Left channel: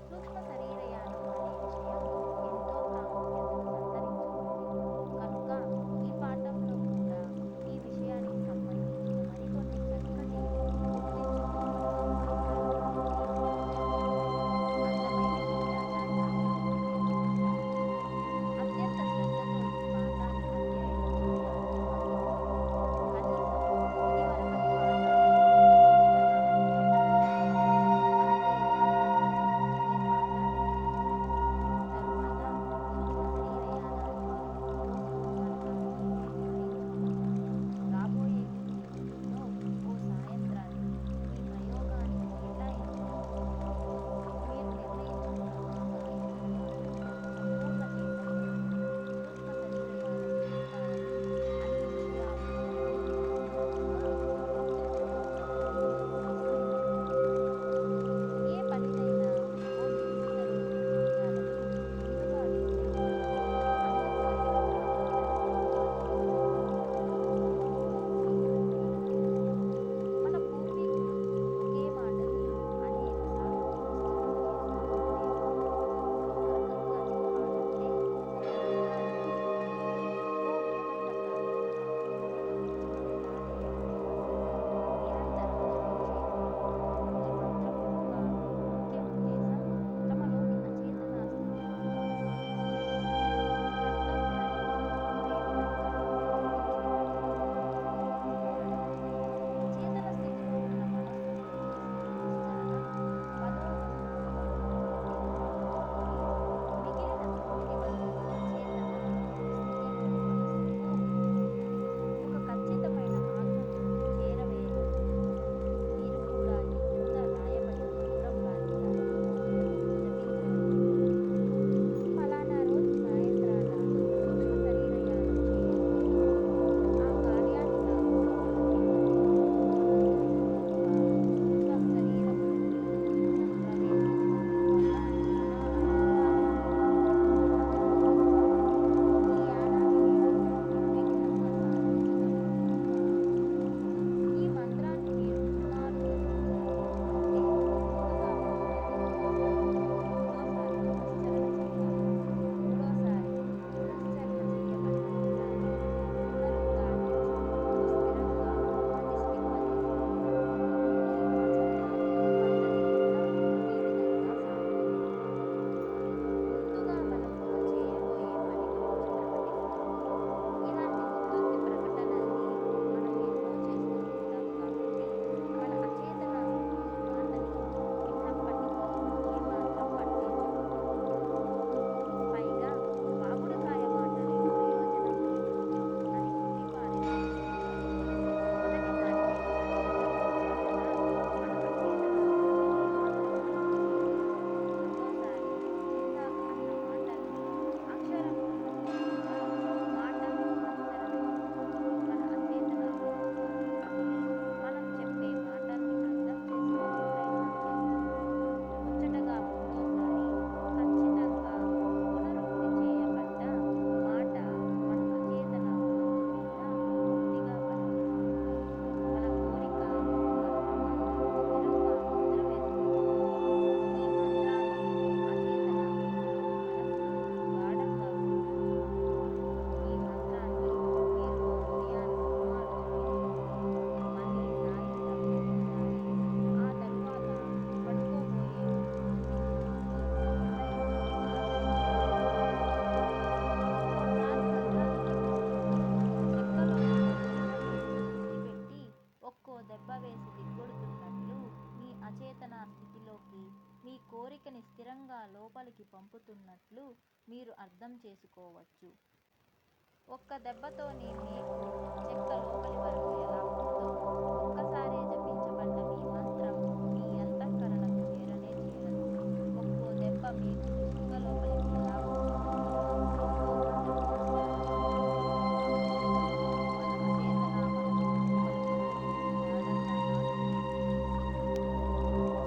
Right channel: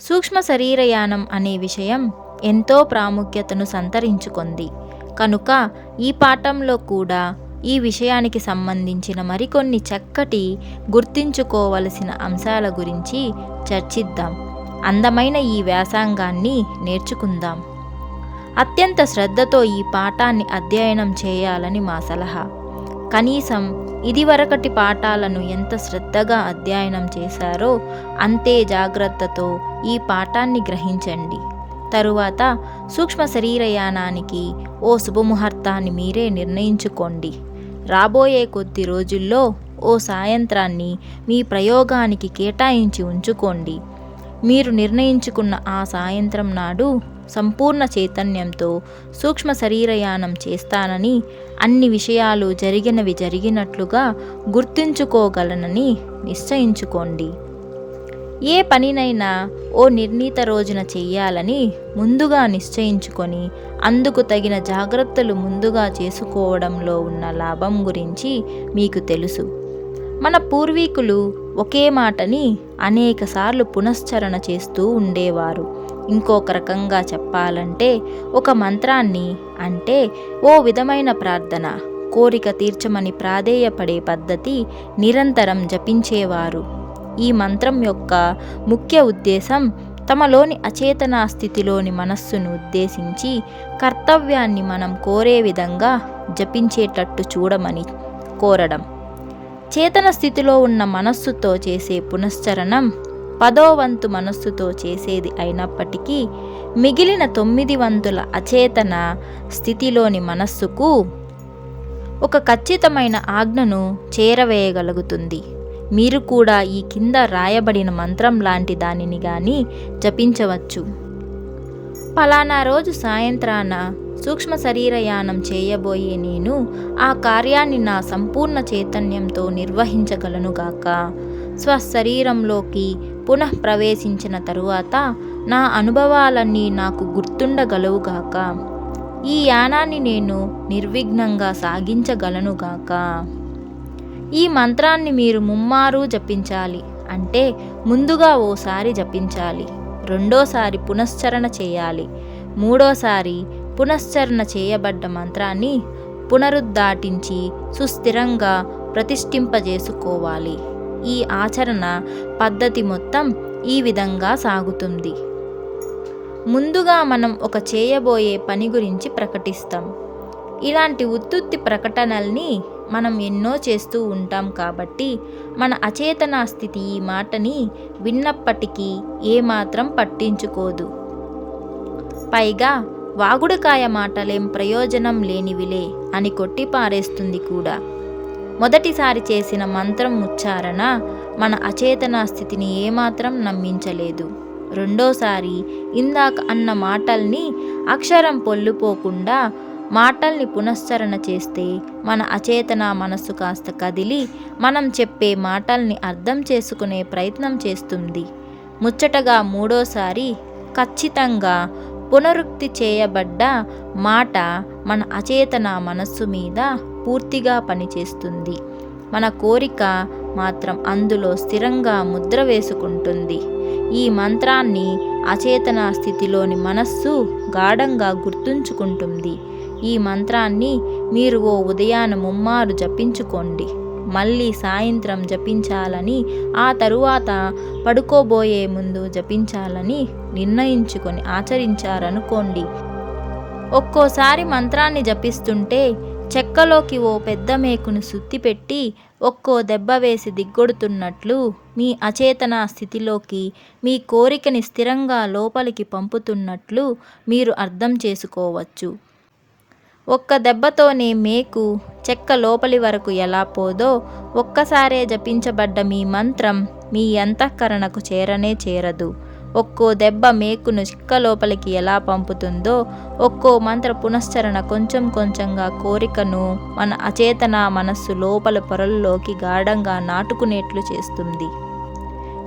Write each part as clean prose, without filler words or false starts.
సూక్ష్మ శరీరయానం అనే విషయం ఎంతో ప్రాముఖ్యతను సంతరించుకుంది కనుక ఈ పాఠంలో కూడా ఈ విషయానికి సంబంధించిన మరికొన్ని చక్కటి గుర్తుంచుకోవలసిన అంశాల గురించి చర్చిద్దాం. అందమైన ఈ వ్యాసంగాన్ని నేర్చుకుందాం. అత్యంత శ్రద్ధతో ఈ పాఠాన్ని అధ్యయనం చేయాలని మా సలహా. కనీసం ఇదివరకటి పాఠాలను ఎంత శ్రద్ధగా అధ్యయనం చేశారో అంతే జాగ్రత్తతో ఈ పాఠాన్ని గ్రహించండి. తరువాత సూక్ష్మ శరీరయానానికి ఓ శుభముహూర్తాన్ని మీరే నిర్ణయించుకోండి. రాబోయే కొద్ది రోజుల్లో ఓ సాయంత్రాన్ని మీ ప్రయోగానికి కేటాయించి ఉంచుకోండి. మీరు నిర్ణయించుకున్న ఆ సాయంత్రం నాడు సంపూర్ణ చైతన్యంతో సూక్ష్మ శరీరయానం చేస్తానని, అన్ని విషయాలు జరిగినవి జరిగినట్లుగా గుర్తుంచుకోగలనని నిశ్చయించుకోండి. ఏ పనినైనా ఓ నిర్ణీత రోజున చెయ్యాలని ముందుగా నిశ్చయించుకొని అందుకు తగిన జాగ్రత్తలు ముందుగా చేసుకోవడంలో ఉన్న లాభం గురించి మీకు తెలుసు. మన పూర్వీకులు ఒకే మాటని అనేకసార్లు పునశ్చరణ చేస్తూ ఉండేవారు. ఇంకొక రకంగా చెప్పాలంటే ఒక మంత్రాన్ని, అంటే ఓ విధమైన ప్రార్థన, కోరిక తీర్చమని ప్రాధేయపడే పద్ధతి నిరంతరం జపించేవారు. ఈ మంత్రం యొక్క ముఖ్య ఉద్దేశం తమలోని అచేతనా స్థితిలోని మనస్సును ఉద్దేశించి కర్తవ్యాన్ని మనం కోరే విధంగా జపించేటట్టు చూడమని కోరడం. చేతన స్థితిలో ఉన్న మనస్సుతో చేసే పునశ్చరణం 10వ వంతు మనస్సుతో చేసేది అయినప్పటికీ మిగిలిన 9 వంతుల అచేతన స్థితిలోని మనస్సుకు ఒక ఖచ్చితమైన ఆజ్ఞను చేరవేయగలుగుతుంది. మీరు కూడా ఈ కింద రాయబడిన మంత్రం లాంటి దానిని గాని జపించవచ్చు. ఫలానా రోజు సాయంత్రాన సూక్ష్మ శరీరయానం చేయబోయే నేను ఆ కార్యాన్ని నా సంపూర్ణ చైతన్యంతో నిర్వహించగలనుగాక. స్వశరీరంలోకి పునః ప్రవేశించిన తరువాత నా అనుభవాలన్నీ నాకు గుర్తుండగలవుగాక. ఈ యానాన్ని నేను నిర్విఘ్నంగా సాగించగలనుగాక. ఈ మంత్రాన్ని మీరు ముమ్మారు జపించాలి. అంటే ముందుగా ఓసారి జపించాలి, రెండోసారి పునశ్చరణ చేయాలి, మూడోసారి పునశ్చరణ చేయబడ్డ మంత్రాన్ని పునరుద్ఘాటించి సుస్థిరంగా ప్రతిష్ఠింపజేసుకోవాలి. ఈ ఆచరణ పద్ధతి మొత్తం ఈ విధంగా సాగుతుంది. ముందుగా మనం ఒక చేయబోయే పని గురించి ప్రకటిస్తాం. ఇలాంటి ఉత్తుత్తి ప్రకటనల్ని మనం ఎన్నో చేస్తూ ఉంటాం కాబట్టి మన అచేతనా స్థితి ఈ మాటని విన్నప్పటికీ ఏమాత్రం పట్టించుకోదు. పైగా వాగుడుకాయ మాటలేం ప్రయోజనం లేనివిలే అని కొట్టిపారేస్తుంది కూడా. మొదటిసారి చేసిన మంత్రం ఉచ్చారణ మన అచేతనా స్థితిని ఏమాత్రం నమ్మించలేదు. రెండోసారి ఇందాక అన్న మాటల్ని అక్షరం పొల్లుపోకుండా మాటల్ని పునశ్చరణ చేస్తే మన అచేతన మనస్సు కాస్త కదిలి మనం చెప్పే మాటల్ని అర్థం చేసుకునే ప్రయత్నం చేస్తుంది. ముచ్చటగా మూడోసారి ఖచ్చితంగా పునరుక్తి చేయబడ్డ మాట మన అచేతన మనస్సు మీద పూర్తిగా పనిచేస్తుంది. మన కోరిక మాత్రం అందులో స్థిరంగా ముద్ర వేసుకుంటుంది. ఈ మంత్రాన్ని అచేతన స్థితిలోని మనస్సు గాఢంగా గుర్తుంచుకుంటుంది. ఈ మంత్రాన్ని మీరు ఓ ఉదయాన ముమ్మారు జపించుకోండి. మళ్ళీ సాయంత్రం జపించాలని, ఆ తరువాత పడుకోబోయే ముందు జపించాలని నిర్ణయించుకొని ఆచరించారనుకోండి. ఒక్కోసారి మంత్రాన్ని జపిస్తుంటే చెక్కలోకి ఓ పెద్ద మేకును సుత్తిపెట్టి ఒక్కో దెబ్బ వేసి దిగ్గొడుతున్నట్లు మీ అచేతన స్థితిలోకి మీ కోరికని స్థిరంగా లోపలికి పంపుతున్నట్లు మీరు అర్థం చేసుకోవచ్చు. ఒక్క దెబ్బతోనే మేకు చెక్క లోపలి వరకు ఎలా పోదో ఒక్కసారే జపించబడ్డ మీ మంత్రం మీ అంతఃకరణకు చేరనే చేరదు. ఒక్కో దెబ్బ మేకును చెక్క లోపలికి ఎలా పంపుతుందో ఒక్కో మంత్ర పునశ్చరణ కొంచెం కొంచెంగా కోరికను మన అచేతన మనస్సు లోపల పొరల్లోకి గాఢంగా నాటుకునేట్లు చేస్తుంది.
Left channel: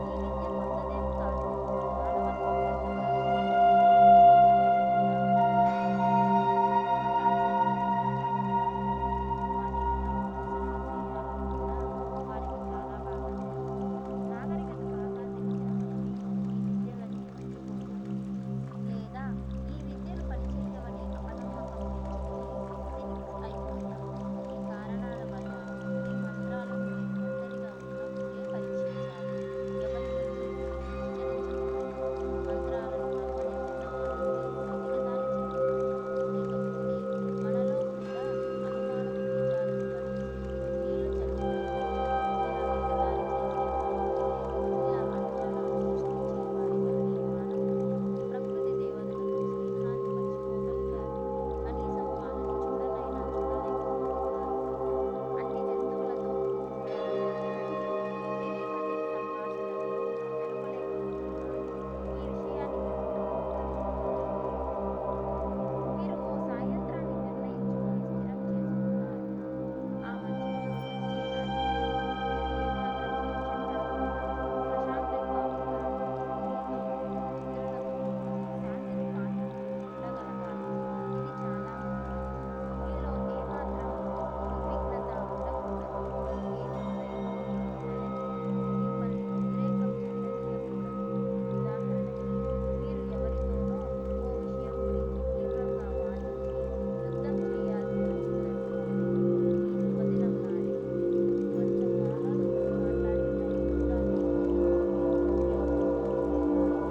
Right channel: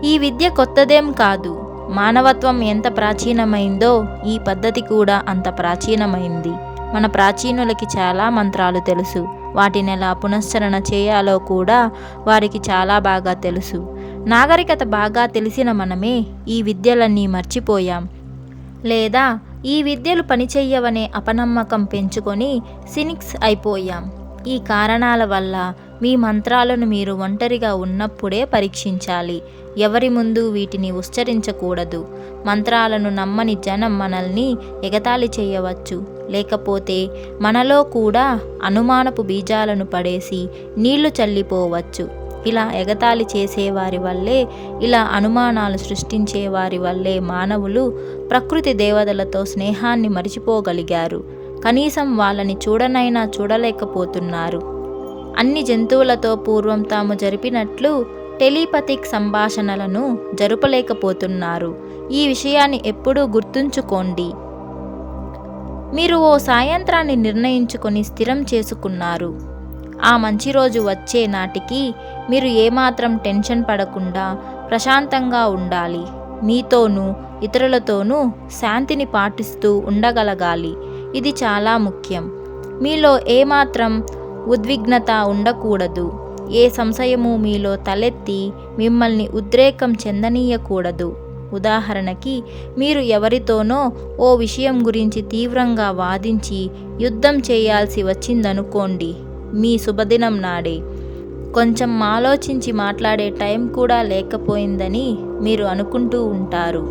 ఈ విద్య కొత్తదేం కాదు. మానవత్వం ఎంత ప్రాచీనమైందో ఈ పద్ధతి కూడా అంత ప్రాచీనమైంది. మన ప్రాచీనులకి చాలా మంత్రాలు తెలుసు. వాటిని ఎలా పునశ్చరణ చేయాలో కూడా వారికి చాలా బాగా తెలుసు. నాగరికత బాగా తెలిసిన మనమే ఈ విద్యలన్నీ మర్చిపోయాం. లేదా ఈ విద్యలు పనిచెయ్యవనే అపనమ్మకం పెంచుకొని సినిక్స్ అయిపోయాం. ఈ కారణాల వల్ల మీ మంత్రాలను మీరు ఒంటరిగా ఉన్నప్పుడే పరీక్షించాలి. ఎవరి ముందు వీటిని ఉచ్చరించకూడదు. మంత్రాలను నమ్మని జనం మనల్ని ఎగతాళి చేయవచ్చు. లేకపోతే మనలో కూడా అనుమానపు బీజాలను పడేసి నీళ్లు చల్లిపోవచ్చు. ఇలా ఎగతాళి చేసేవారి వల్లే, ఇలా అనుమానాలు సృష్టించేవారి వల్లే మానవులు ప్రకృతి దేవతలతో స్నేహాన్ని మరిచిపోగలిగారు. కనీసం వాళ్ళని చూడనైనా చూడలేకపోతున్నారు. అన్ని జంతువులతో పూర్వం తాము జరిపినట్లు టెలిపతిక్ సంభాషణలను జరుపలేకపోతున్నారు. ఈ విషయాన్ని ఎప్పుడూ గుర్తుంచుకోండి. మీరు ఓ సాయంత్రాన్ని నిర్ణయించుకొని స్థిరం చేసుకున్నారు. ఆ మంచి రోజు వచ్చే నాటికి మీరు ఏమాత్రం టెన్షన్ పడకుండా ప్రశాంతంగా ఉండాలి. మీతోనూ ఇతరులతోనూ శాంతిని పాటిస్తూ ఉండగలగాలి. ఇది చాలా ముఖ్యం. మీలో ఏమాత్రం ఉద్విగ్నత ఉండకూడదు. ఏ సంశయము మీలో తలెత్తి మిమ్మల్ని ఉద్రేకం చెందనీయకూడదు. ఉదాహరణకి, మీరు ఎవరితోనో ఓ విషయం గురించి తీవ్రంగా వాదించి యుద్ధం చేయాల్సి వచ్చిందనుకోండి. మీ శుభదినం నాడే కొంచెం ఆలోచించి మాట్లాడే టైం కూడా లేకపోయిందని మీరు అనుకుంటూ ఉంటారు.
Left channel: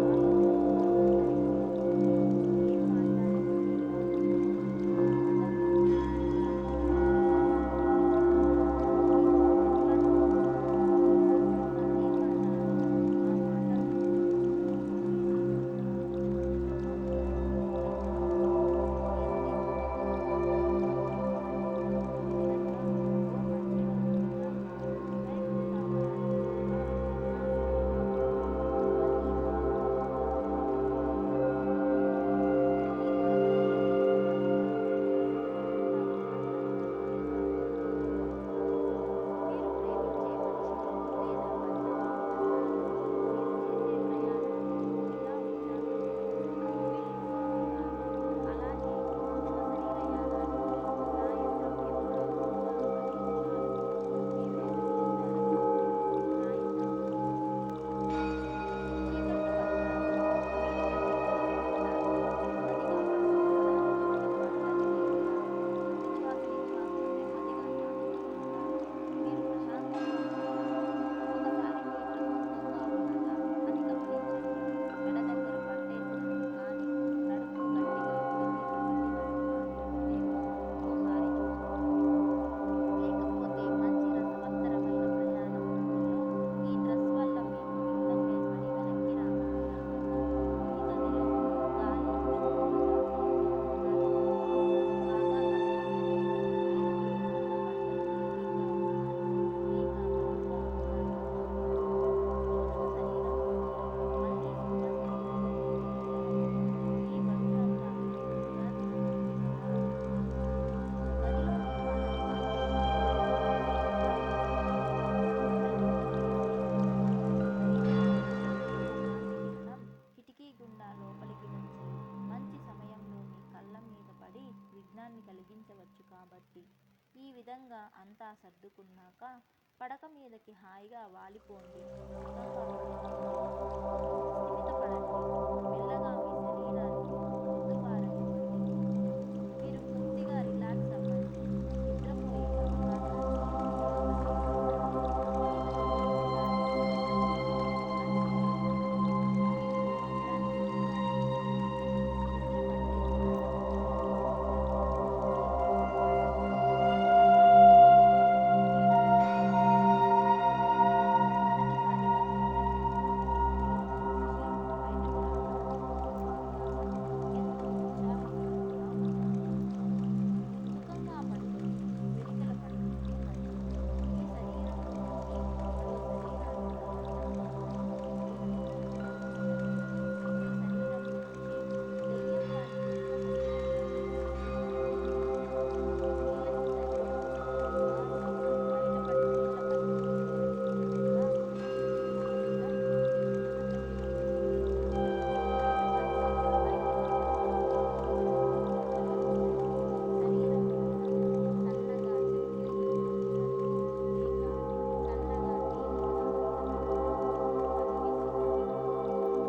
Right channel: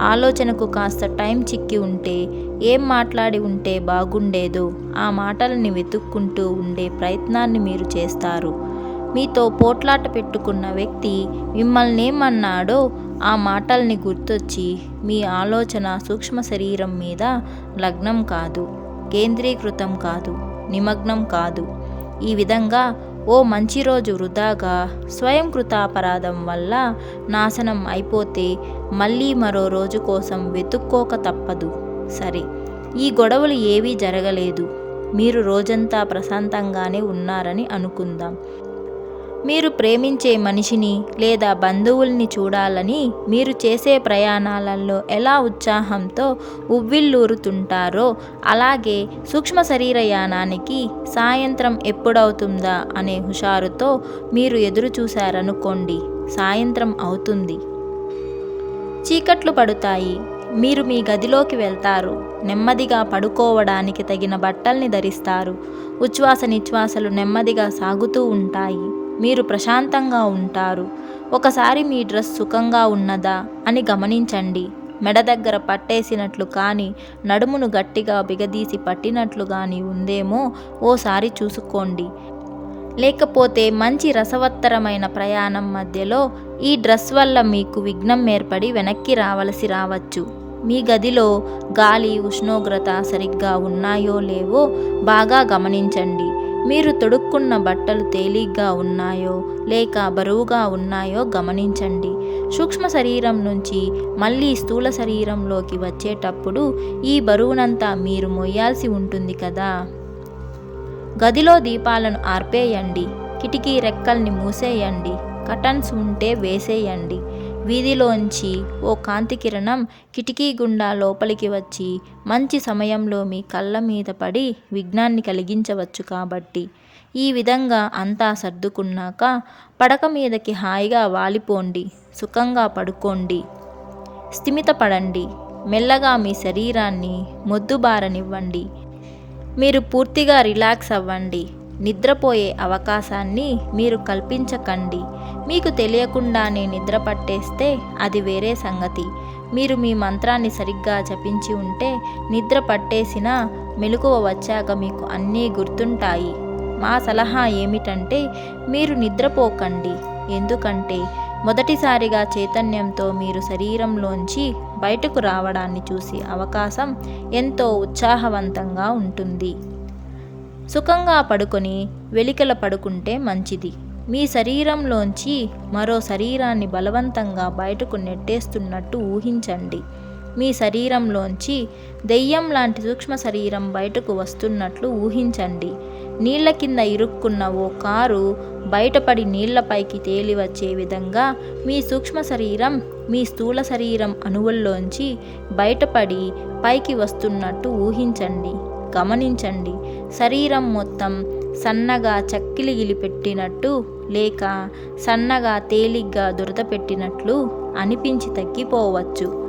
ఆలోచనకు కాస్త టైం చిక్కి ఉంటే, ఏం మాట్లాడి ఉంటే బాగుండేదో ఆ మాటలని వెతుక్కుంటూ ఉండే ప్రయత్నాన్ని మీరు చేస్తారు. మీతో పోట్లాట పెట్టుకున్న వ్యక్తి మిమ్మల్నేమన్నాడో ఆ మాటల్ని గుర్తొచ్చి మీ ఆలోచన సూక్ష్మ శరీరం మీద లగ్నం కాదు, కేంద్రీకృతం కాదు, నిమగ్నం కాదు. ఈ విధంగా ఓ మంచి రోజు వృధాగా స్వయం కృతాపరాధం వల్ల నాశనం అయిపోతే మళ్ళీ మరో రోజు కోసం వెతుక్కోక తప్పదు. సరే, ఈ గొడవలు ఏవీ జరగలేదు. మీరు రోజంతా ప్రశాంతంగానే ఉన్నారని అనుకుందాం. మీరు ప్రేమించే మనిషిని లేదా బంధువుల్ని చూడాలని మీరు చేసే ప్రయాణాలలో ఎలా ఉత్సాహంతో ఉవ్విళ్ళూరుతుంటారో, అలాగే సూక్ష్మ శరీరయానానికి సాయంత్రం ఎప్పుడవుతుందా అనే హుషారుతో మీరు ఎదురు చూశారనుకోండి. సాయంత్రం అవుతుంది. చీకట్లు పడుతాయి. మీరు మీ గదిలోకి వెళ్తారు. నెమ్మదిగా పడుకోవడానికి తగిన బట్టల్ని ధరిస్తారు. ఉచ్ఛ్వాస నిశ్వాసలు నెమ్మదిగా సాగుతూ ఉంటాయి. మీరు ప్రశాంతంగా ఉంటారు. ఒకసారి మీ డ్రెస్ సుఖంగా ఉన్నదా అని గమనించండి. మెడ దగ్గర పట్టేసినట్లు కానీ, నడుమును గట్టిగా బిగదీసి పట్టినట్లు కానీ ఉందేమో ఓసారి చూసుకోండి. లేకపోతే మంచి రసవత్తరమైన ప్రయాణం మధ్యలో ఈ డ్రెస్ వల్ల మీకు విఘ్నం ఏర్పడి వెనక్కి రావలసి రావచ్చు. మీ గదిలో గాలి, ఉష్ణోగ్రత సరిగ్గా ఉన్నాయో లేవో బాగా గమనించండి. మీరు తొడుక్కున్న బట్టలు తేలిగ్గా ఉన్నాయో లేక బరువుగా ఉన్నాయో గమనించండి. సూక్ష్మ శరీరం నుంచి మళ్ళీ స్థూల శరీరంలోకి వచ్చేటప్పుడు ఈ బరువునంతా మీరు మోయాల్సి ఉంటుంది కదా. గదిలో దీపాలను ఆర్పేయండి. కిటికీ రెక్కల్ని మూసేయండి. కర్టన్స్ ఉంటే వేసేయండి. వీధిలోంచి ఓ కాంతి కిరణం కిటికీ గుండా లోపలికి వచ్చి మంచి సమయంలో మీ కళ్ళ మీద పడి విఘ్నాన్ని కలిగించవచ్చు కాబట్టి. ఈ విధంగా అంతా సర్దుకున్నాక పడక మీదకి హాయిగా వాలిపోండి. సుఖంగా పడుకోండి. స్థిమితపడండి. మెల్లగా మీ శరీరాన్ని మొద్దుబారనివ్వండి. మీరు పూర్తిగా రిలాక్స్ అవ్వండి. నిద్రపోయే అవకాశాన్ని మీరు కల్పించకండి. మీకు తెలియకుండానే నిద్ర పట్టేస్తే అది వేరే సంగతి. మీరు మీ మంత్రాన్ని సరిగ్గా జపించి ఉంటే నిద్ర పట్టేసినా మెలకువ వచ్చాక మీకు అన్నీ గుర్తుంటాయి. మా సలహా ఏమిటంటే మీరు నిద్రపోకండి. ఎందుకంటే మొదటిసారిగా చైతన్యంతో మీరు శరీరంలోంచి బయటకు రావడాన్ని చూసే అవకాశం ఎంతో ఉత్సాహవంతంగా ఉంటుంది. సుఖంగా పడుకొని వెలికల పడుకుంటే మంచిది. మీ శరీరంలోంచి మరో శరీరాన్ని బలవంతంగా బయటకు నెట్టేస్తున్నట్టు ఊహించండి. మీ శరీరంలోంచి దెయ్యం లాంటి సూక్ష్మ శరీరం బయటకు వస్తున్నట్లు ఊహించండి. నీళ్ల కింద ఇరుక్కున్న ఓ కారు బయటపడి నీళ్లపైకి తేలి వచ్చే విధంగా మీ సూక్ష్మ శరీరం మీ స్థూల శరీరం అణువుల్లోంచి బయటపడి పైకి వస్తున్నట్టు ఊహించండి. గమనించండి. శరీరం మొత్తం సన్నగా చక్కిలిగిలి పెట్టినట్టు లేక సన్నగా తేలిగ్గా దురద పెట్టినట్లు అనిపించి తగ్గిపోవచ్చు.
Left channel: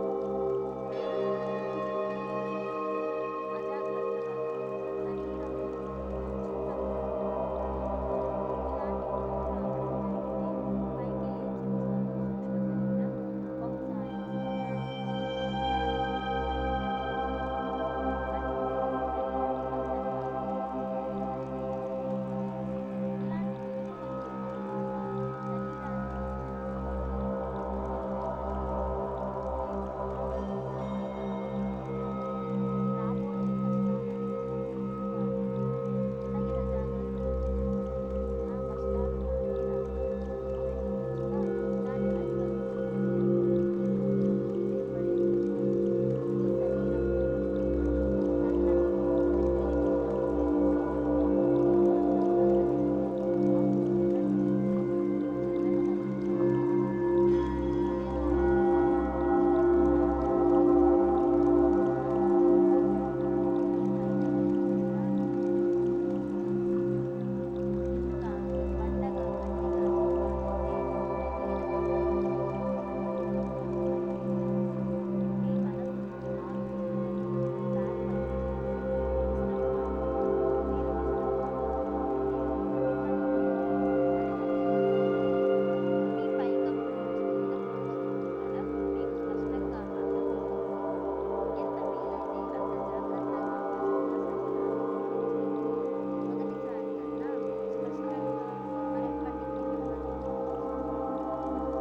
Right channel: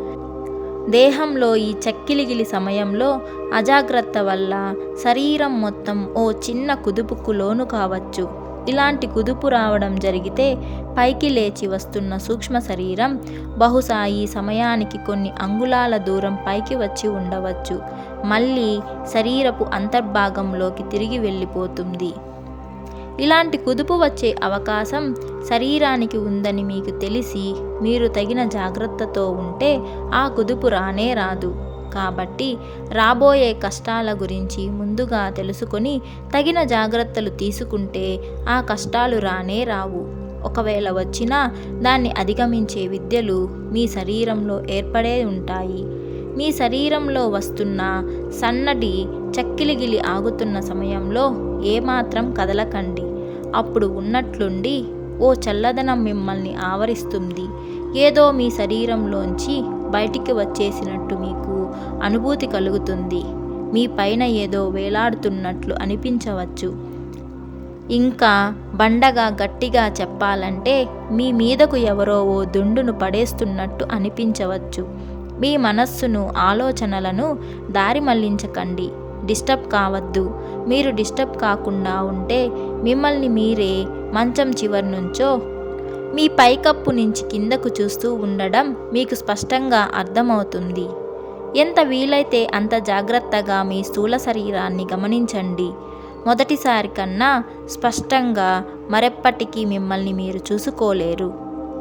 దేహంలో ఈ చక్కిలిగిలి సమయంలో అజాగ్రత్త వల్ల శరీరం మొత్తం ఓ చిన్న కుదుపుకు లోను కావచ్చు. ఇలాంటి కుదుపు రావడం జరిగితే పైకి లేచి వస్తున్న సూక్ష్మ శరీరం బహుశా ఈ సమయానికి కొన్ని అంగుళాల దూరం పైకి వచ్చి ఉండవచ్చు. మళ్ళీ శరీరపు అంతర్భాగంలోకి తిరిగి వెళ్ళిపోతుంది. ఇలాంటి కుదుపు వచ్చే అవకాశం శరీరానికి ఉందని మీకు తెలిసి మీరు తగిన జాగ్రత్తతో ఉంటే ఆ కుదుపు రానే రాదు. కాబట్టి రాబోయే కష్టాల గురించి ముందుగా తెలుసుకొని తగిన జాగ్రత్తలు తీసుకుంటే ఆ కష్టాలు రానే రావు. ఒకవేళ వచ్చినా దాన్ని అధిగమించే విద్యలు మీ శరీరంలో ఏర్పడే ఉంటాయి. మీ శరీరంలో వస్తున్న సన్నటి చక్కిలిగిలి ఆగుతున్న సమయంలో ఏమాత్రం కదలకండి. అప్పుడు ఉన్నట్లుండి ఓ చల్లదనం మిమ్మల్ని ఆవరిస్తుంది. ఏదో మీ శరీరంలోంచి బయటికి వచ్చేసినట్టు మీకు అనుభూతి కలుగుతుంది. మీ పైన ఏదో వేలాడుతున్నట్లు అనిపించవచ్చు. ఇంకా బండగా గట్టిగా చెప్పాలంటే మీ మీదకు ఎవరో ఓ దుండును పడేస్తున్నట్టు అనిపించవచ్చు. మీ మనస్సును ఆలోచనలను దారి మళ్లించకండి. డిస్టర్బ్ కావద్దు. మీరు డిస్టర్బ్ కాకుండా ఉంటే మిమ్మల్ని మీరే మంచం చివరి నుంచో మీ పైకప్పు నుంచి కిందకు చూస్తూ ఉండడం మీకు స్పష్టంగా అర్థమవుతుంది. ఎంత వీలైతే అంత జాగ్రత్తగా మీ స్థూల శరీరాన్ని గమనించండి. మొదటిసారి కన్నా స్పష్టంగా మరెప్పటికీ మిమ్మల్ని మీరు చూసుకోలేరు.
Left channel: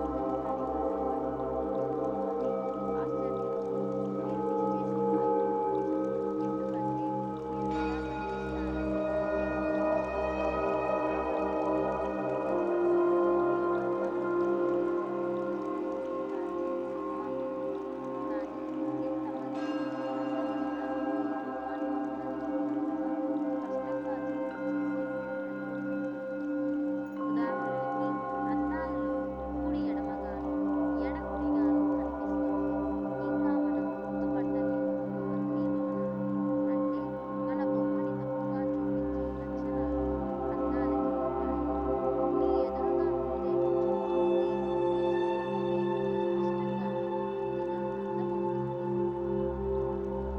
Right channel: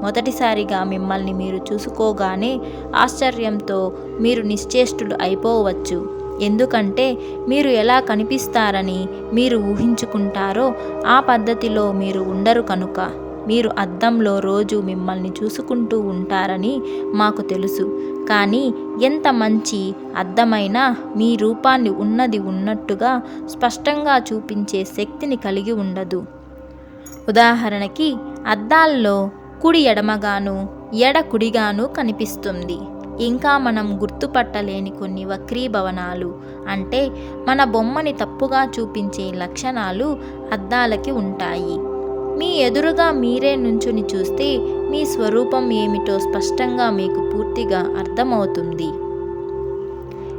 మొదటిసారిగా మిమ్మల్ని మీరు చూసుకోగానే ఆశ్చర్యంతో మీరు నిశ్చేష్టులు అయిపోవచ్చు. ఎందుకంటే మీరు ఎలా కనిపిస్తారని మీరు ఊహించుకుంటారో ఆ పద్ధతిలో మీరు ఉండరు కనుక. మీరు అద్దంలో రోజు మిమ్మల్ని చూసుకుంటూ ఉంటారని మాకు తెలుసు. కానీ ఎంత మంచి అద్దమైనా మీ రూపాన్ని ఉన్నది ఉన్నట్టుగా స్పష్టంగా చూపించే శక్తిని కలిగి ఉండదు. ఉదాహరణకి అద్దాల్లో కుడి ఎడమగాను ఎడ కుడిగాను కనిపిస్తుంది. ఇంకా మనం గుర్తుపట్టలేని కొన్ని వక్రీభవనాలు అంటే మన బొమ్మని తప్పుగా చూపించే లక్షణాలు అద్దాలకి ఉంటాయి. మీ ఎదురుగా మీరే నుంచుని చూస్తే మీ స్వరూపం ఏమిటో స్పష్టంగా మీకు పూర్తిగా అర్థమవుతుంది.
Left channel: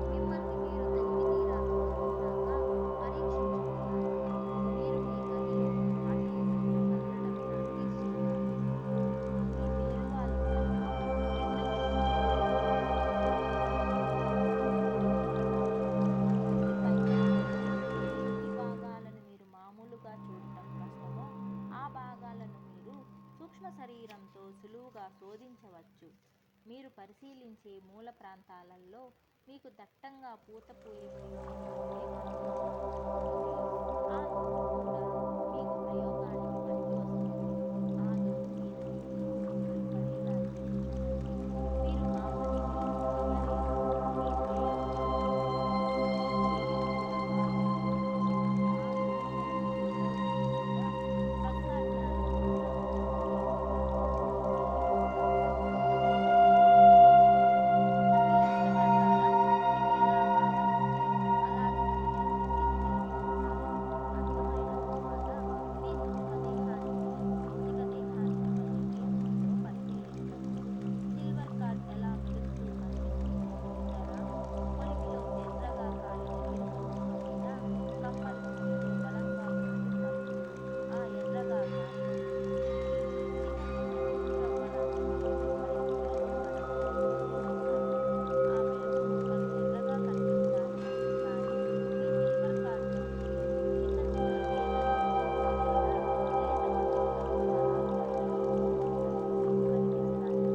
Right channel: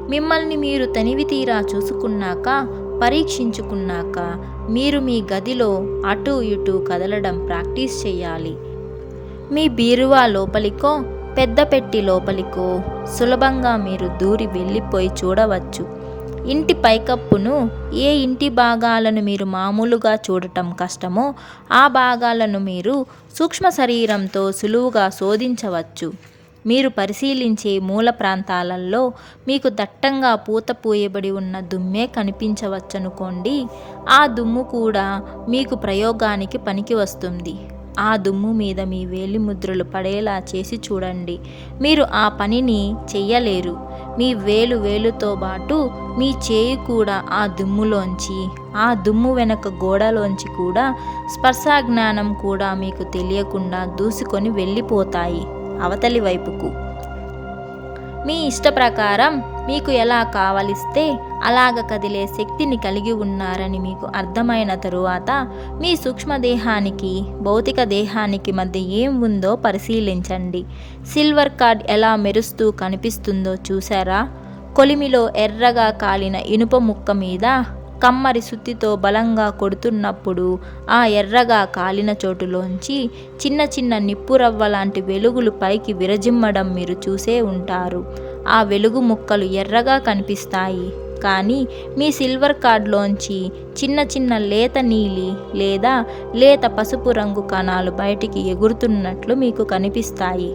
మిమ్మల్ని మీరు తనివి తీరా చూసుకున్నాక పరీక్షించుకున్నాక మీరు మీ గదిలో అటు ఇటు కదలడం ప్రాక్టీస్ చేయాలి. మీ బీరువా లోపలికో పెద్ద పెట్టి లోపలికో సులభంగా మీరు దూరి వెళ్ళిపోయి చూడవచ్చు. ఇంటి పైకప్పును ఏ ఇంటి భాగాలను మీరు మామూలుగా చూడటం కష్టమో ఆ భాగాలను మీరు సూక్ష్మ శరీరంతో సులువుగా శోధించవచ్చు. మీరు పరిశీలించే మూల ప్రాంతాలలో మీకు దట్టంగా పూత పూయబడి ఉన్న దుమ్మే కనిపించవచ్చనుకోండి. ఆ దుమ్ము కూడా మీకు ప్రయోగానికి పనికి వస్తుంది. ఆ దుమ్ము మీద మీ వేలిముద్రలు పడేలా చేసి చూడండి. మీరు ఆ పనిని చెయ్యలేరు. మీ వేలుతో పాటు మీ చేయి కూడా ఆ దుమ్ములోంచి, ఆ దుమ్ము వెనక గోడలోంచి కూడా స్పర్శా జ్ఞానం కూడా మీకు తెలియకుండా దూసుకొని వెళ్ళిపోతాయి అవతలి వైపుకు. మీ ఇష్ట ప్రకారం మీకు ఎలా కావలిస్తే అలాగ కదిలే శక్తిని కలిగి ఉన్నారని మీకు అర్థమైన తరువాత మీ సూక్ష్మదేహానికి భౌతిక దేహానికి మధ్య ఏం ఉందో పరిశీలించండి. సిల్వర్ కార్డ్ ఎలా మెరుస్తూ కనిపిస్తుందో చూసారా? కొలిమిలో ఎర్రగా కాలిన ఇనుప ముక్క మీద కమ్మరి సుత్తితో బలంగా కొడుతున్నప్పుడు ఆ ఎర్రగా కాలిన చోటులోంచి చిన్న చిన్న నిప్పురవ్వ లాంటి వెలుగులు పైకి విరజిమ్మడం మీరు చూసే ఉంటారు. ఆ వెలుగు ముక్కలు ఎర్రగా కనిపిస్తాయి. కానీ మీ సిల్వర్ కార్డ్లోంచి చిన్న చిన్న లేత నీలి లేదా లేత పసుపు రంగు కణాలు బయటికి ఎగురుతున్నట్లు మీకు కనిపిస్తాయి.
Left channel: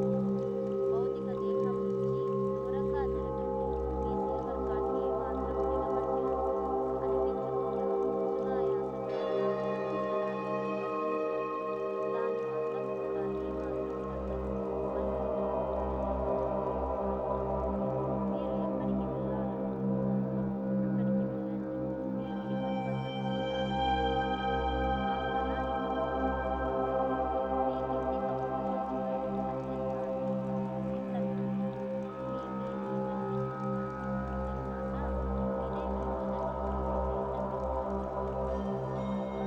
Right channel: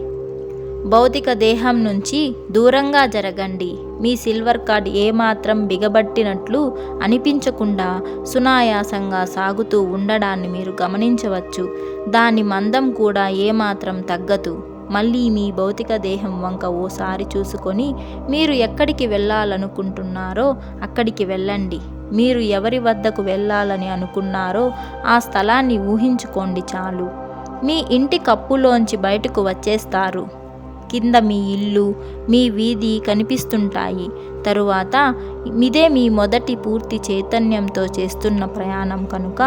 భౌతిక దేహం నుంచి దూరంగా జరగండి. మీ సిల్వర్ కార్డ్ ఏమాత్రం బిగబట్టినట్లు అనిపించకుండా సునాయాసంగా సాగుతూ ఉండడాన్ని మీరు గమనించవచ్చు. దాని మందం కూడా ఏమాత్రం తగ్గదు. మళ్ళీ మీ భౌతిక దేహం వంక ఓసారి చూసుకొని మీరు ఎక్కడికి వెళ్ళాలనుకుంటున్నారో అక్కడికి వెళ్ళండి. మీరు ఎవరి వద్దకు వెళ్ళాలని అనుకున్నారో ఆ స్థలాన్ని ఊహించుకోండి చాలు. మీ ఇంటి కప్పులోంచి బయటకు వచ్చేస్తారు. కింద మీ ఇల్లు, మీ వీధి కనిపిస్తుంటాయి. తరువాత ఇదే మీ మొదటి పూర్తి చైతన్యంతో చేస్తున్న ప్రయాణం కనుక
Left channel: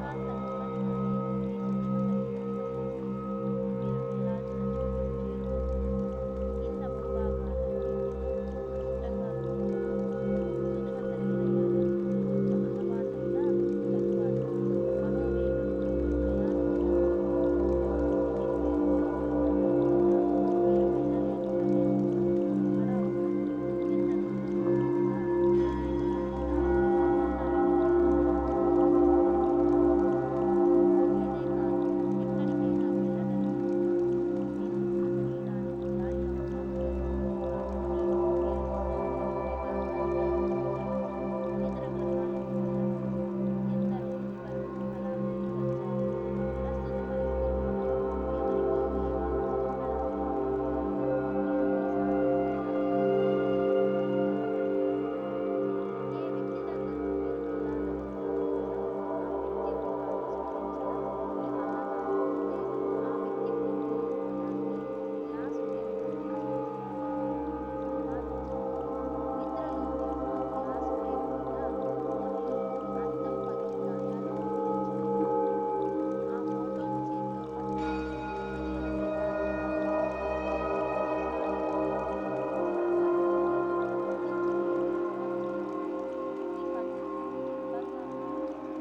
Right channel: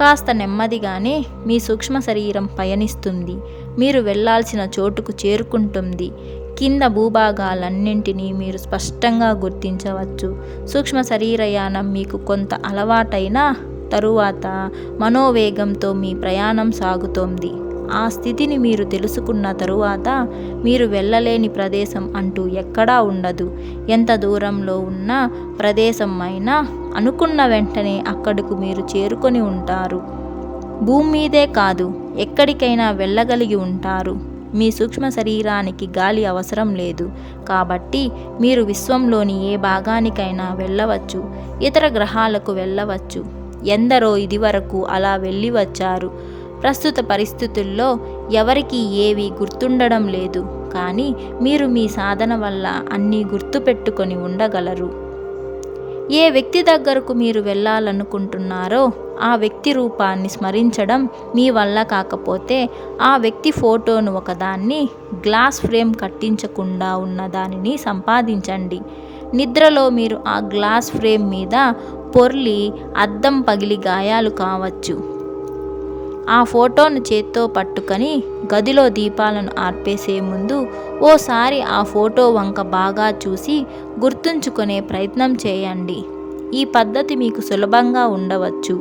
కాస్త నెమ్మదిగానే మీ సూక్ష్మ శరీరం పయనిస్తుంది. మీరు వెళ్ళాల్సిన చోటుకు చేరుకుంటుంది. కింద భూభాగాలన్నింటినీ మీరు స్పష్టంగా గుర్తించవచ్చు. సూక్ష్మ శరీరయానం మీకు కొంత అలవాటైన తరువాత మనోవేగంతో మీ ప్రయాణం సాగుతోంది. ఆ స్థితిని మీరు తెలుసుకున్న తరువాత మీరు వెళ్ళలేని ప్రదేశం అంటూ ఎక్కడా ఉండదు. ఎంత దూరంలో ఉన్న ప్రదేశం అయినా అనుకున్న వెంటనే అక్కడకు మీరు చేరుకొని ఉంటారు. భూమి మీదే కాదు, ఎక్కడికైనా వెళ్ళగలిగి ఉంటారు. మీ సూక్ష్మ శరీరానికి గాలి అవసరం లేదు కాబట్టి మీరు విశ్వంలోని ఏ భాగానికైనా వెళ్ళవచ్చు. ఇతర గ్రహాలకు వెళ్ళవచ్చు. ఎందరో ఇదివరకు అలా వెళ్ళి వచ్చారు. ప్రస్తుత పరిస్థితుల్లో ఎవరికీ ఏవీ గుర్తుండడం లేదు, కానీ మీరు మీ సాధన వల్ల అన్నీ గుర్తుపెట్టుకొని ఉండగలరు. ఏ వ్యక్తి దగ్గరకు మీరు వెళ్ళాలనుకుంటున్నారో ఆ వ్యక్తి రూపాన్ని స్మరించడం మీ వల్ల కాకపోతే ఆ వ్యక్తి ఫోటోను ఒకదాన్ని గ్లాస్ ఫ్రేమ్ కట్టించకుండా ఉన్న దానిని సంపాదించండి. నిద్రలో మీరు ఆ గ్లాస్ ఫ్రేమ్ మీద పొర్లి అద్దం పగిలి గాయాలు కావచ్చు. ఆ ఫోటోను చేత్తో పట్టుకొని గదిలో దీపాలను ఆర్పేసే ముందు ఓసారి ఆ ఫోటో వంక బాగా చూసి గుర్తుంచుకునే ప్రయత్నం చేయండి. ఈ పద్ధతి మీకు సులభంగా ఉండవచ్చు.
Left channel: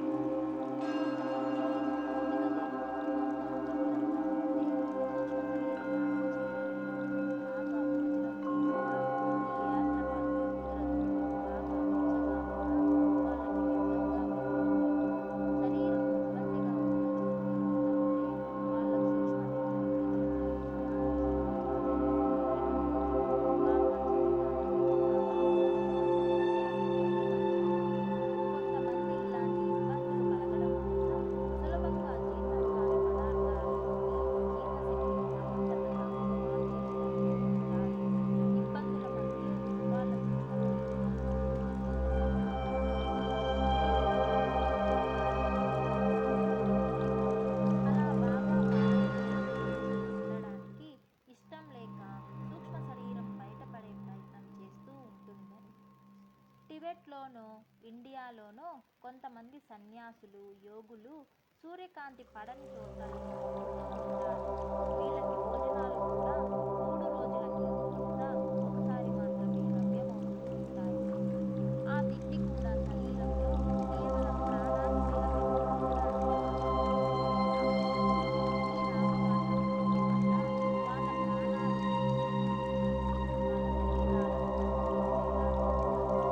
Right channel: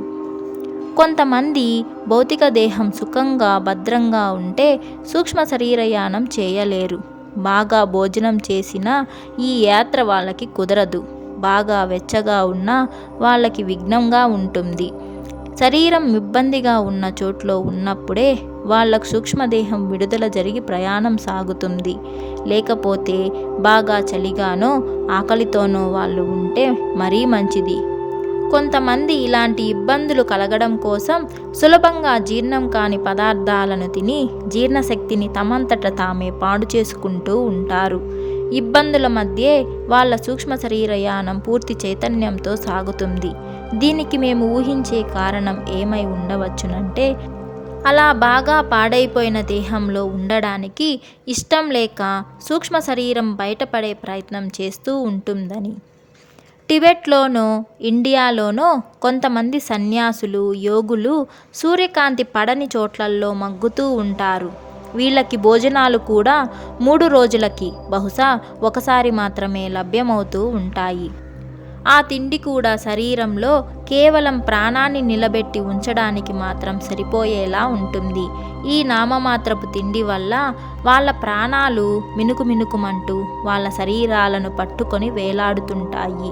కొంతమంది భౌతిక దేహం సుఖంగా భద్రంగా ఉంటే సూక్ష్మ శరీరయానం చేయలేరు. బాగా భోజనం చేసినా ఈ యాత్ర వాళ్ళకి కుదరదు. బాగా వెచ్చగా ఉన్నా వాళ్ళకి విఘ్నంగా ఉంటుంది. శరీరం ఇబ్బందిగా ఉన్న చోట్లో ఉన్నప్పుడే వాళ్ళకు సూక్ష్మదేహం విడుదల జరిగి ప్రయాణం సాగుతుంది. లేకపోతే బాగా చలిగానో ఆకలితోనో వాళ్ళు ఉంటే మరీ మంచిది. కొంతమంది ఇలాంటి ఇబ్బందులు కలగడం కోసం సులభంగా జీర్ణం కాని పదార్థాలను తిని జీర్ణశక్తిని తమంతట తామే పాడు చేసుకుంటూ ఉంటారు. ఇబ్బందుల మధ్యే వాళ్ళ సూక్ష్మ శరీరయానం పూర్తి చైతన్యంతో సాగుతుంది. దీనికి మేము ఊహించే కారణం ఏమై ఉండవచ్చునంటే అలా బాగా పాడైపోయిన దేహంలో ఉండడానికి ఇష్టం లేక సూక్ష్మ శరీరం బయటపడే ప్రయత్నం చేస్తూ ఉంటుందని. టిబెట్లోనో ఇండియాలోనో కొంతమంది సన్యాసులు యోగులు సూర్యకాంతి పడని చోట్లల్లో మగ్గుతూ ఉంటారు. వీళ్ళకి భోజనాలు కూడా 3 రోజులకి బహుశా ఒకసారి మాత్రమే లభ్యమవుతూ ఉంటాయి. ఆ తిండి కూడా శరీరంలో కేవలం ప్రాణాన్ని నిలబెట్టి ఉంచడానికి మాత్రం సరిపోయేలా ఉంటుంది. ఈ నామమాత్రపు తిండి వల్ల వాళ్ళ ప్రాణాలు మినుకుమినుకుమంటూ వాళ్ళ శరీరాలను పట్టుకొని వేలాడుతుంటాయి.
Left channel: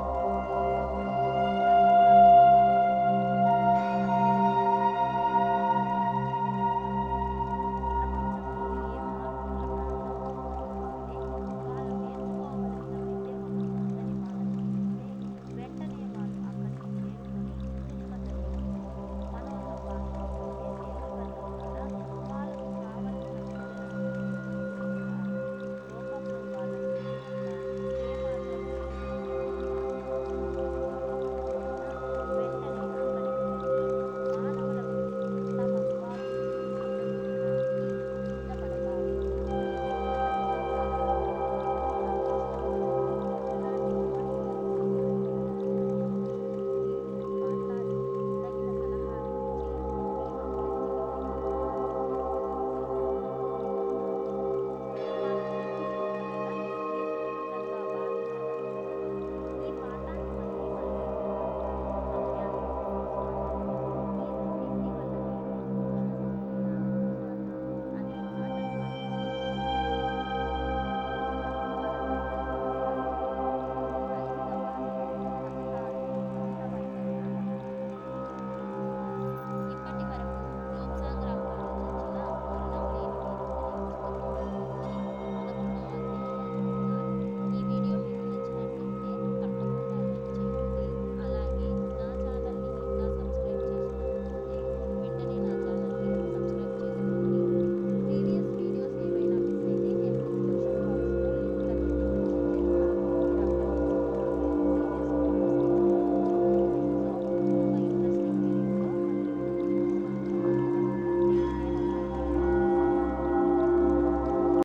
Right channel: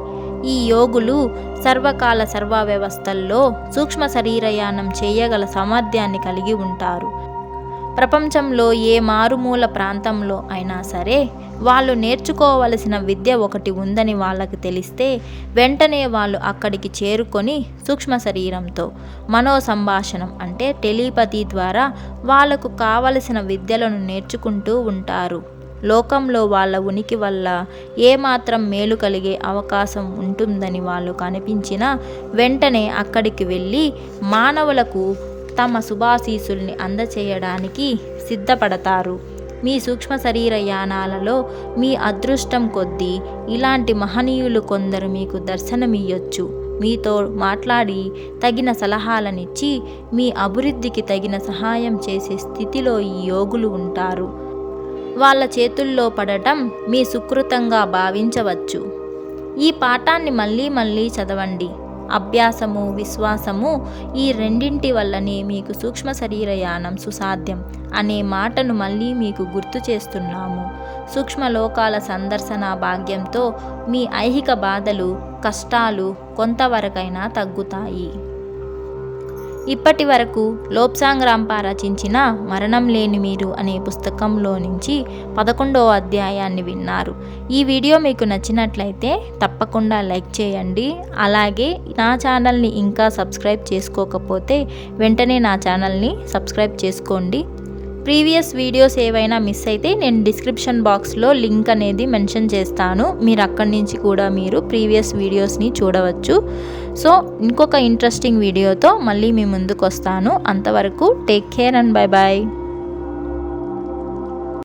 ఈ యోగులు సర్వకాల సర్వ వ్యవస్థల్లో సూక్ష్మ శరీరయానం చేయగల సామర్థ్యాన్ని కలిగి ఉంటారు. ప్రపంచంలో ఏ మారుమూల ప్రాంతంలో అయినా సరే వాళ్ళు నేర్చుకోవలసిన విద్య ఒకటి ఉందని వాళ్ళకి తెలిస్తే వెంటనే వాళ్ళు అక్కడికి చేరుకొని సూక్ష్మ శరీరంతో మనో సంభాషణం అంటే టెలిపతి ద్వారా వాళ్ళకు కావలసిన విద్యలను నేర్చుకుంటూ ఉంటారు. లోకంలో వాళ్ళ ఉనికి వల్ల ఏమాత్రం మేలు కలిగే అవకాశం ఉంటుందని వాళ్ళు కనిపించినా వెంటనే అక్కడికి వెళ్ళి మానవులకు తమ శుభాశీసుల్ని అందచేయడానికి సిద్ధపడతారు. మీ సూక్ష్మ శరీర యానాలలో మీ అదృష్టం కొద్దీ ఇలాంటి మహనీయులు కొందరు మీకు దర్శనమియ్యొచ్చు. మీతో మాట్లాడి తగిన సలహాలనిచ్చి మీ అభివృద్ధికి తగిన సహాయం చేసే స్థితిలో ఈ యోగులు ఉంటారు. వాళ్ళ చేతుల్లో పడటం మీ సుకృతంగా భావించవచ్చు. ఈ పాఠాన్ని మళ్ళీ మళ్ళీ చదవండి. అభ్యాసము విశ్వాసము ఈ రెండింటి వల్లనే మీకు సూక్ష్మ శరీరయానం సుసాధ్యం అనే మాటను మళ్ళీ మీకు గుర్తు చేస్తున్నాము. సూక్ష్మలోకాల సందర్శన భాగ్యంతో మీ ఐహిక బాధలు కష్టాలు కొంతవరకైనా తగ్గుతాయి. ఇప్పటి వరకు లోబ్సాంగ్ రాంపా రచించిన మరణం లేని మీరు అనే పుస్తకంలో నుంచి 11వ అధ్యాయాన్ని విన్నారు. ఈ వీడియో మీకు నచ్చినట్లయితే తప్పకుండా లైక్ చేయండి. అలాగే నా ఛానల్ని ఇంకా సబ్స్క్రైబ్ చేసుకోకపోతే వెంటనే నా ఛానల్ని సబ్స్క్రైబ్ చేసుకోండి. ప్రీవియస్ వీడియోస్ ఏవైనా మిస్ అయితే నేను డిస్క్రిప్షన్ బాక్స్లో లింక్ అనేది మెన్షన్ చేస్తాను. మీరు అక్కడి నుంచి కూడా మీరు ప్రీవియస్ వీడియోస్ని చూడవచ్చు. సో ఇంకొక ఇంట్రెస్టింగ్ వీడియోతో మళ్ళీ మీ ముందుకు వస్తాను. అంతవరకు take care and bye bye.